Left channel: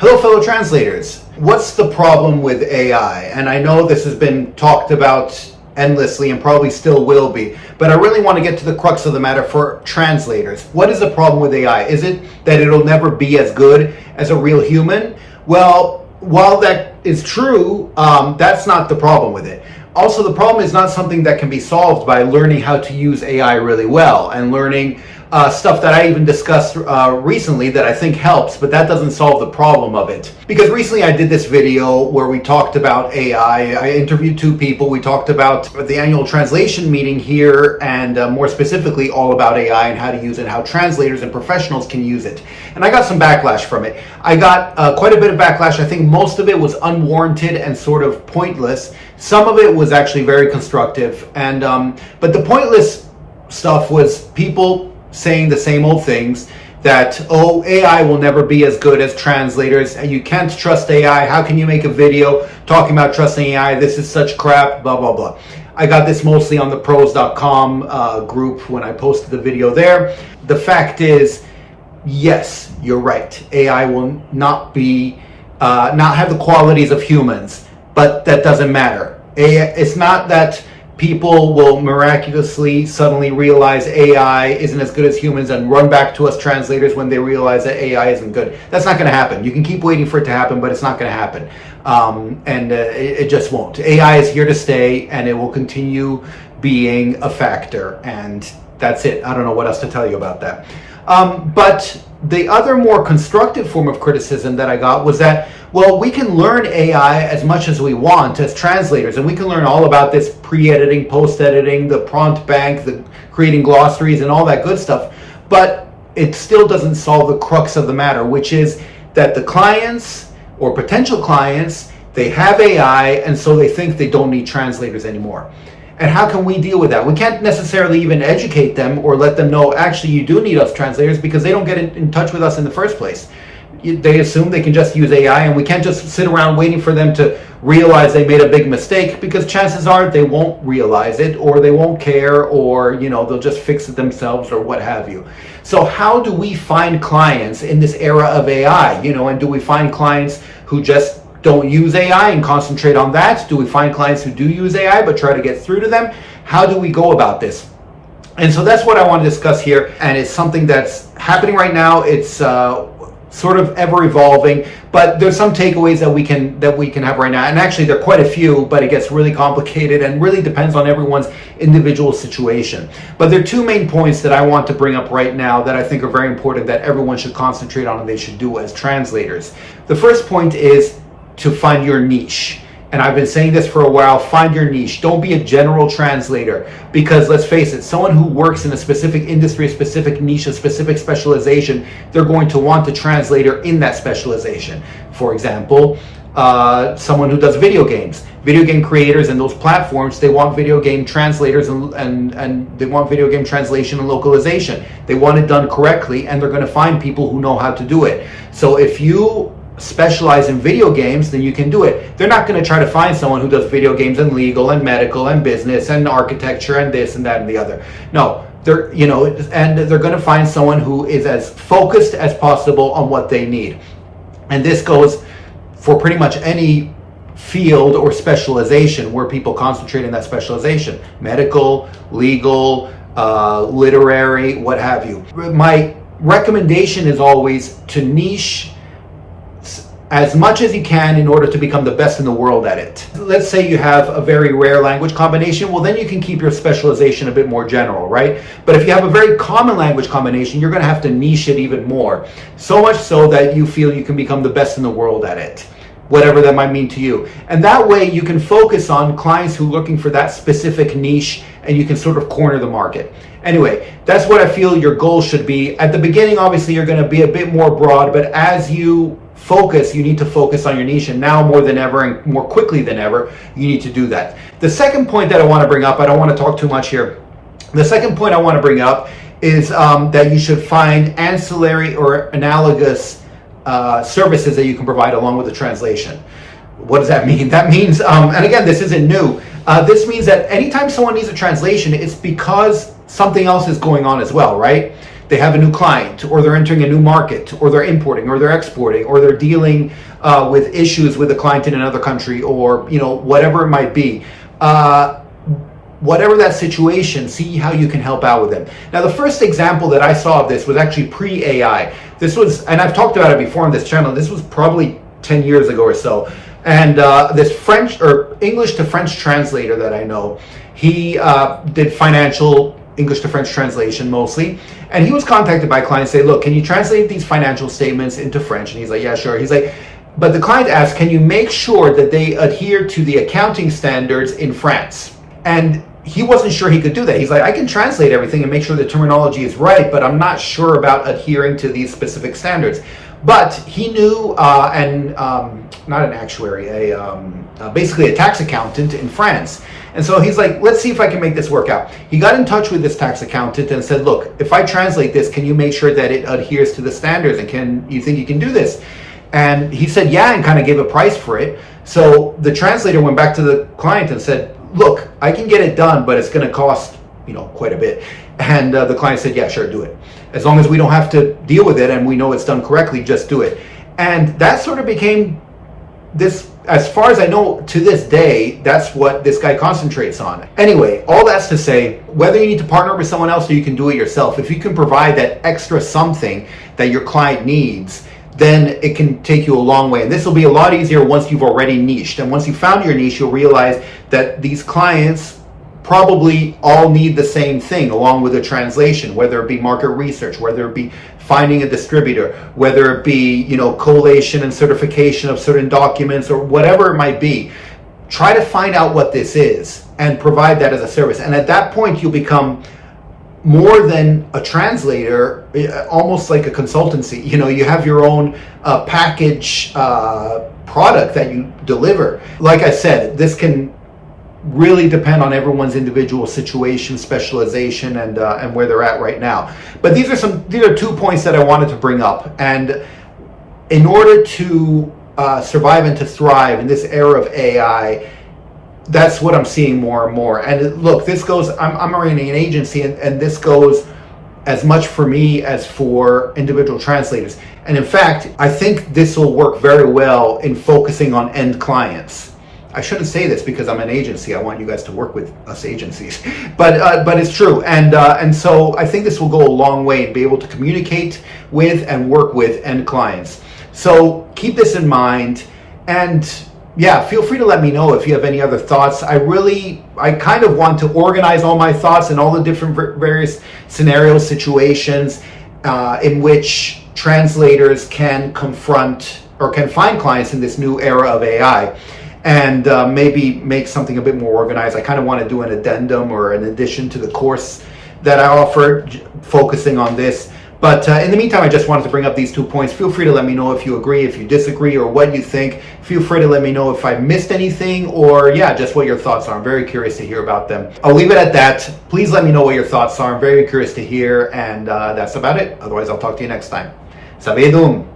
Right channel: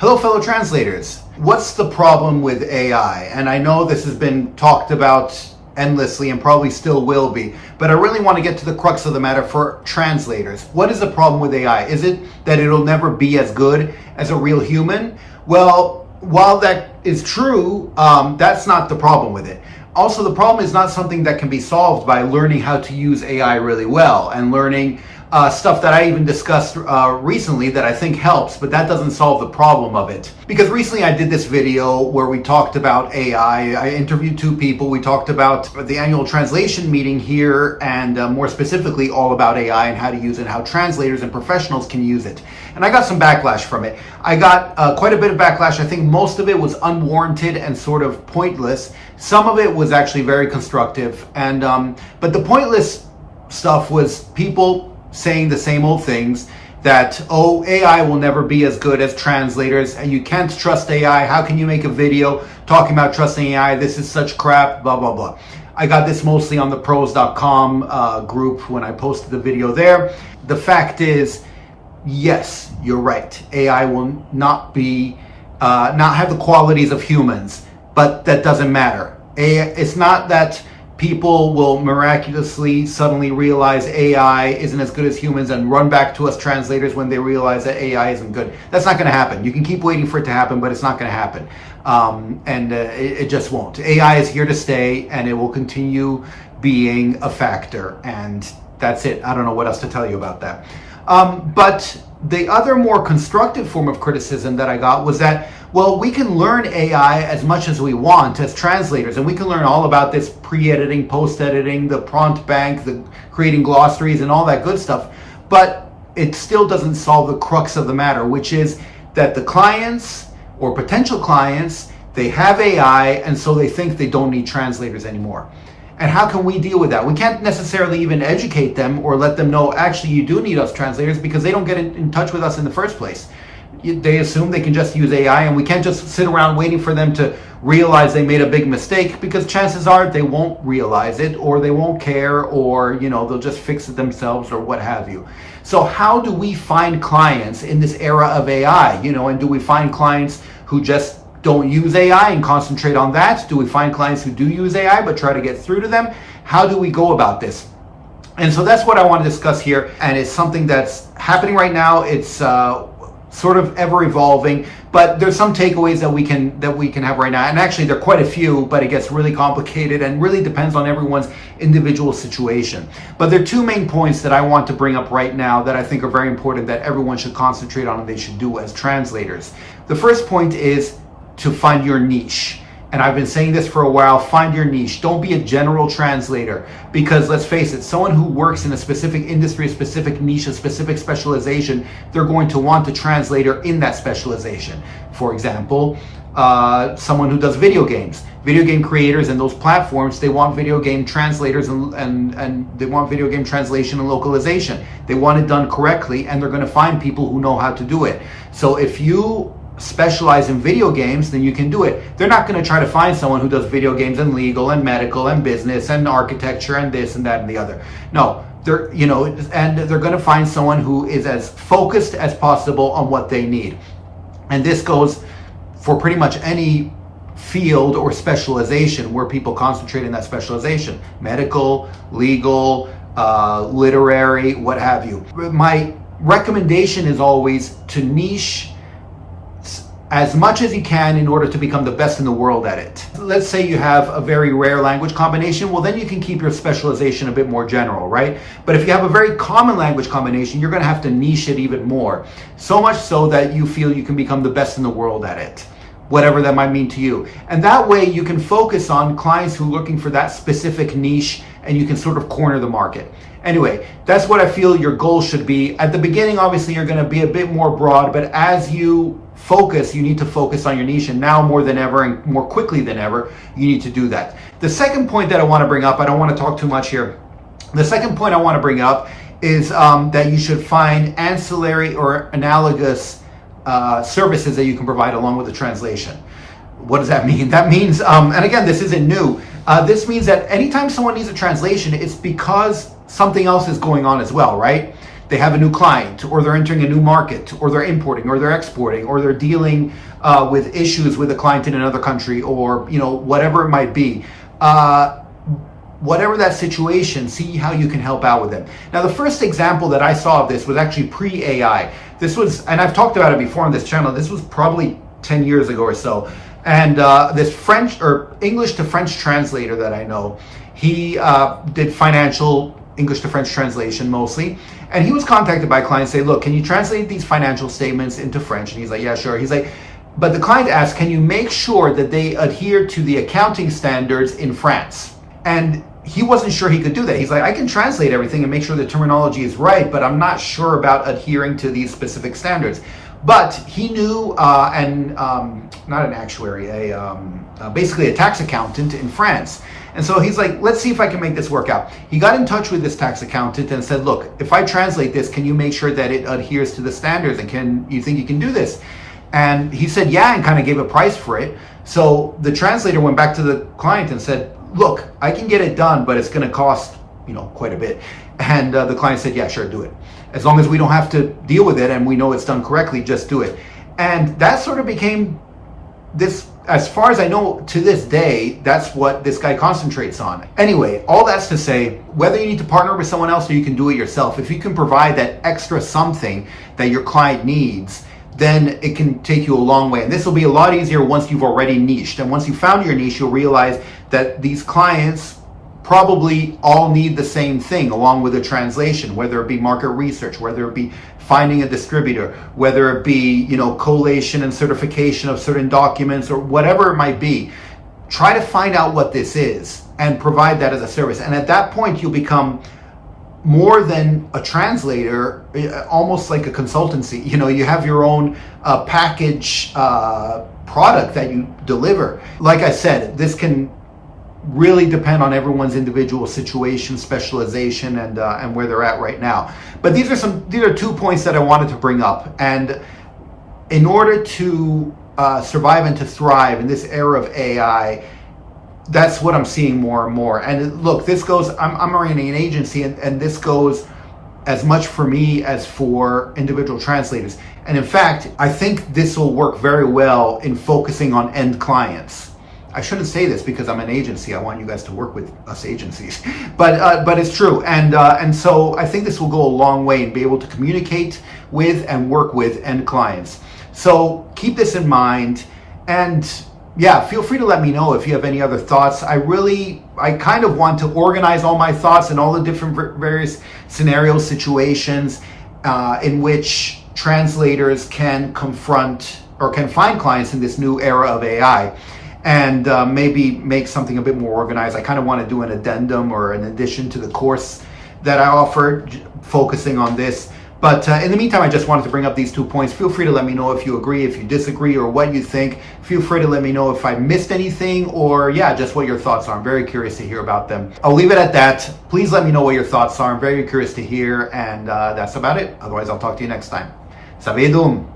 Hello, fellow translators. What's the problem with AI? And I know this has been talked about endlessly and probably still will be, but I really want to get to the crux of the matter for translators. What is the problem with AI? Is it that it'll never be as good as a real human? Well, while that is true, that's not the problem with it. Also, the problem is not something that can be solved by learning how to use AI really well and learning stuff that I even discussed recently that I think helps, but that doesn't solve the problem of it. Because recently I did this video where we talked about AI. I interviewed two people. We talked about the annual translation meeting here and more specifically all about AI and how to use it and how translators and professionals can use it. And I got some backlash from it. I got quite a bit of backlash. I think most of it was unwarranted and sort of pointless. Some of it was actually very constructive. And but the pointless stuff was people saying the same old things that, oh, AI will never be as good as translators. You can't trust AI. How can you make a video talking about trusting AI? This is such crap, blah, blah, blah. I got this mostly on the pros.com group when I posted the video there. The fact is, yes, you're right. AI will not have the qualities of humans, but that doesn't matter. It's not that people will miraculously suddenly realize AI isn't as good as humans and run back to us translators when they realize that AI isn't good. That's not going to happen. You can keep waiting for it to happen, but it's not going to happen. It just won't. AI is here to stay, and it will continue being a factor. And that's it. I don't know what else to tell you about that. But the other more constructive form of criticism that I got was that, well, we can learn AI as much as we want as translators, and we can learn all about this pre-editing, post-editing, the prompt bank, the creating glossaries and all that good stuff, but it still doesn't solve the crux of the matter, which is that the clients or potential clients, they have AI, and so they think they don't need translators anymore. And how can we deal with that? We can't necessarily even educate them or let them know, actually, you do need us translators, because they don't get in touch with us in the first place. They assume they can just use AI, and we can't just sit around waiting for them to realize they made a big mistake, because chances are they won't realize it, or they won't care, or they'll just fix it themselves, or what have you. So how do we find clients in this era of AI? And do we find clients who just don't use AI and concentrate on that? Do we find clients who do use AI but try to get through to them? How do we go about this? And so that's what I want to discuss here, and it's something that's happening right now. It's sort of ever evolving, but there's some takeaways that we can have right now, and actually there are quite a few, but it gets really complicated and really depends on everyone's individual situation. But there are two main points that I want to bring up right now that I think are very important that everyone should concentrate on and they should do as translators. The first point is to find your niche. And I've been saying this for a while, find your niche. Don't be a general translator, because let's face it, someone who works in a specific industry, a specific niche, a specific specialization, they're going to want a translator in that specialization. For example, someone who does video games. Video game creators and those platforms, they want video game translators and they want video game translation and localization. They want it done correctly, and they're going to find people who know how to do it. So if you specialize in video games, then you can do it. They're not going to try to find someone who does video games and legal and medical and business and architecture and this and that and the other. No, they're going to find someone who is as focused as possible on what they need. And this goes for pretty much any field or specialization where people concentrate in that specialization: medical, legal, literary, what have you. My recommendation is always to niche as much as you can in order to become the best in the world at it. Let's say you have a very rare language combination, well, then you can keep your specialization a bit more general, right? But if you have a very common language combination, you're going to have to niche it even more. So much so that you feel you can become the best in the world at it, whatever that might mean to you. And that way you can focus on clients who are looking for that specific niche, and you can sort of corner the market. Anyway, that's what I feel your goal should be. At the beginning, obviously, you're going to be a bit more broad, but as you focus, you need to focus on your niche, and now more than ever and more quickly than ever, you need to do that. The second point that I want to bring up, I don't want to talk too much here. The second point I want to bring up is that you should find ancillary or analogous services that you can provide along with the translation. What does that mean? That means, and again, this isn't new. This means that anytime someone needs a translation, it's because something else is going on as well, right? they have a new client, or they're entering a new market, or they're importing, or they're exporting, or they're dealing with issues with a client in another country, or whatever it might be. Whatever that situation, see how you can help out with them. Now, the first example that I saw of this was actually pre-AI. This was, and I've talked about it before on this channel, this was probably 10 years ago or so. And this French or English to French translator that I know, he did financial English to French translation mostly. And he was contacted by clients, say, look, can you translate these financial statements into French? And he's like, yeah, sure. He's like, but the client asked, can you make sure that they adhere to the accounting standards in France? And he wasn't sure he could do that. He's like, I can translate everything and make sure the terminology is right, but I'm not sure about adhering to these specific standards. But he knew, not an actuary, basically a tax accountant in France. And so he's like, let's see if I can make this work out. He got in touch with this tax accountant and said, look, if I translate this, can you make sure that it adheres to the standards? And can you think you can do this? And he said, yeah, and kind of gave a price for it. So the translator went back to the client and said, look, I can get it done, but it's going to cost, quite a bit. And the client said, yeah, sure, do it. As long as we don't have to deal with it and we know it's done correctly, just do it. And that sort of became this, as far as I know, to this day, that's what this guy concentrates on. Anyway, all that's to say, whether you need to partner with someone else or you can do it yourself, if you can provide that extra something that your client needs, then it can take you a long way. And this will be a lot easier once you've already niched. And once you've found your niche, you'll realize that these clients probably all need the same thing along with a translation, whether it be market research, whether it be finding a distributor, whether it be, collation and certification of certain documents or whatever it might be. Try to find out what this is and provide that as a service. And at that point, you'll become more than a translator, almost like a consultancy. You have your own package product that you deliver. Like I said, this can really depend on everyone's individual situation, specialization, and where they're at right now. But these are 2 points that I wanted to bring up. And in order to survive and to thrive in this era of AI, that's what I'm seeing more and more. And look, this goes, I'm running an agency, and this goes as much for me as for individual translators. And in fact, I think this will work very well in focusing on end clients. I shouldn't say this because I'm an agency. I want you guys to work with us agencies, but it's true. And so I think this will go a long way and be able to communicate with and work with end clients. So keep this in mind, and yeah, feel free to let me know if you have any other thoughts. I kind of want to organize all my thoughts in all the different various scenarios, situations in which translators can confront or can find clients in this new era of AI, and maybe make something a bit more organized. I kind of want to do an addendum or an addition to the course that I offer, focusing on this. But in the meantime, I just wanted to bring up these 2 points. Feel free to let me know if you agree, if you disagree, or what you think. Feel free to let me know if I missed anything, or just what your thoughts are. I'm very curious to hear about them. I'll leave it at that. Please let me know what your thoughts are. I'm very curious to hear, and that's about it. Otherwise, I'll talk to you next time. Savedum!